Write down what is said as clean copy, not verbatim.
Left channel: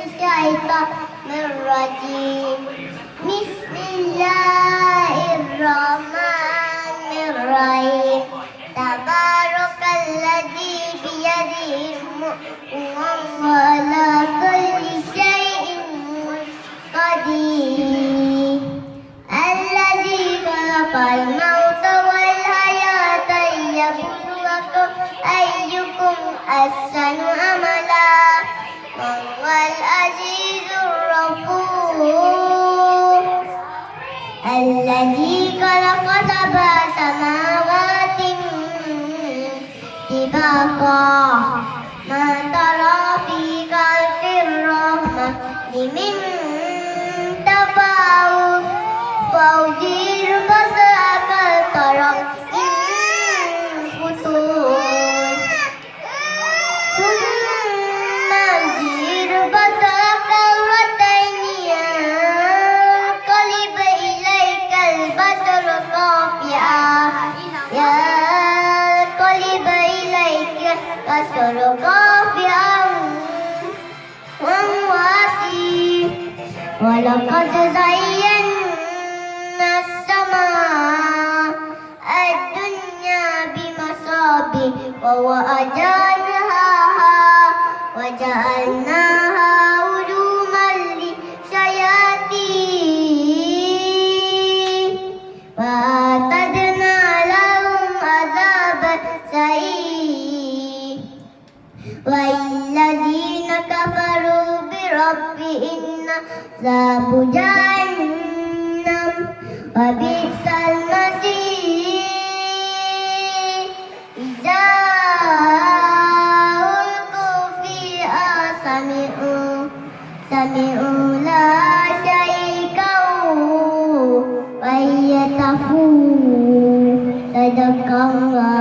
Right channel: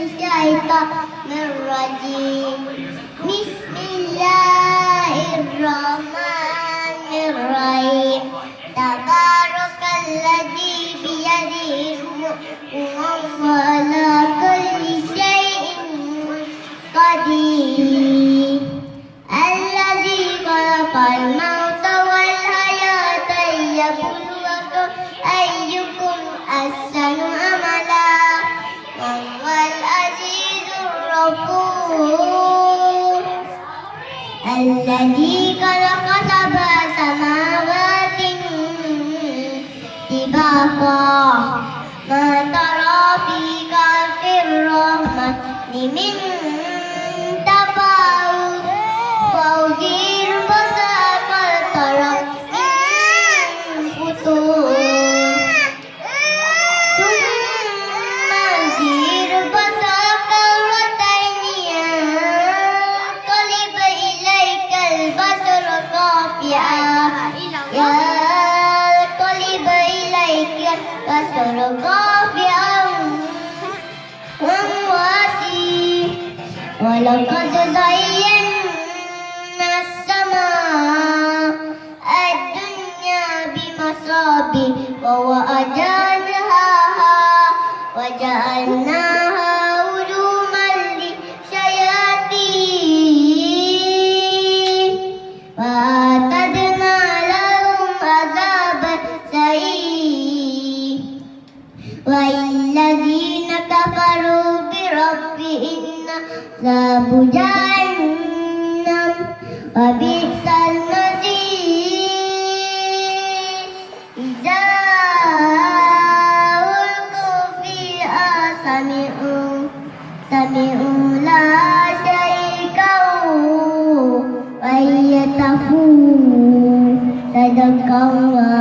الشيطان الرجيم بسم الله الرحمن الرحيم تبارك الذي بيده الملك وهو على كل شيء قدير الذي خلق الموت والحياة ليبلوكم أيكم أحسن عملا وهو العزيز الغفور الذي خلق سبع سماوات طباقا ما ترى في خلق الرحمن من تفاوت فوجئ البصر ترى من فتور ثم ارجع البصر كرتين ينقلب إليك البصر خاسئا ينقلب إليك البصر خاسئا وهو حسير ولقد زينا السماء الدنيا بمصابيح وجعلناها رجوما للشياطين وأعتدنا لهم عذاب السعير والذين كفروا بربهم عذاب جهنم وبئس المصير إذا ألقوا فيها سمعوا لها شيئا وهي تفور صدق الله